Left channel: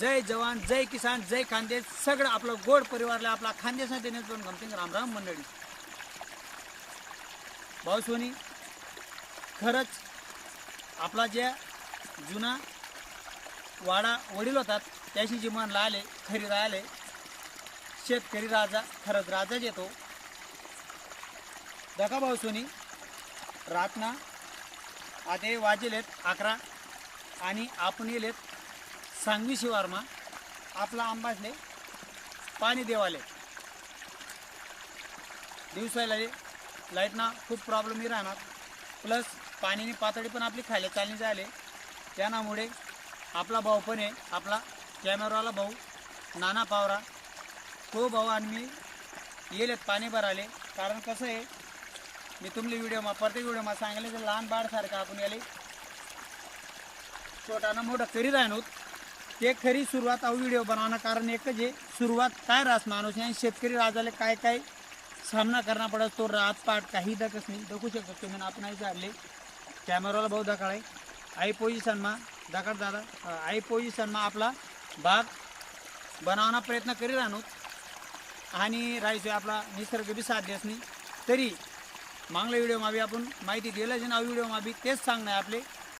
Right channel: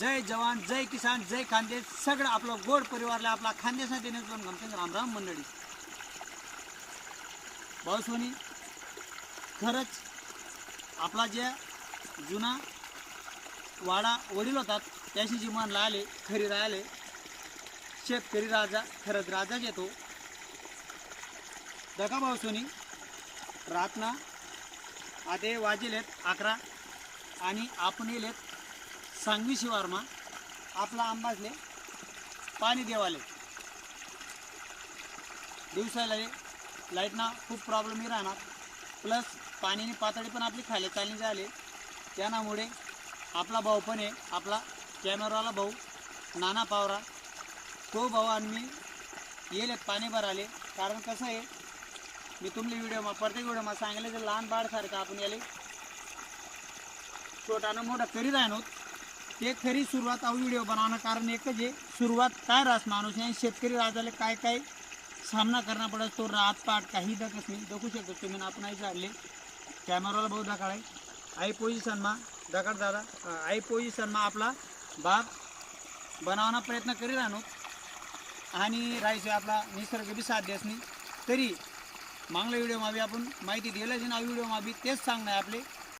जय जवान जय किसान जय खानदेश सगळं आपलं गोड परिवारला आपला खानदेश देण्यास पण गमते रामराम मंडळी। भाऊसोनी खरंच आपला जे जुना वाडा वडील होतात त्याशी जी मान लाले खरी राहिले शेतकरी राजा खरंच राजाच येतो। दका भाऊसोनी रातना आते वाजिलेत 11 आणि आपण येलेत सांगवी शिवारमा आपला आंबाजले पाणी देवाले दिवसाला लाईटना खूप प्रॉब्लेम राहणार प्लस पाण्याची पातळी पण आपली खाली चालली झाली त्यामुळे आपला भाऊ पण आहे आपला कॅमेरावाला भाऊ नाना पावरा तो भाऊ आणि मी येलेत पाणी भराले कारण कसं आहे मी तुमले व्हिडिओ प्रत्येक व्हिडिओ सांगितलं की लहान बाळसारखं आपण याले छोटाना मोठा करीत आहे ते खरी सुरुवात व्हिडिओ बनवणं कारण एकच आहे सुरुवात काय रास माणूस आणि शेतकरी राजाला काय काय सामना करना पडत तो रात पाट काही दकच नाही दखू शकतो तुम्ही आपण आई झाले कॅमेराला भाऊ दकाळ आई पोझिशनमा दगड दादा आई पोझिशनमा आपला बाग बनवण्याचा प्रयत्न करीत राहणो आणि राहायचं आपला निसर्ग बी साथ देस नाही तरी मागल्या व्हिडिओ बी आपण माहिती दिलं जे ना व्हिडिओ बी तेच सांगणं आपले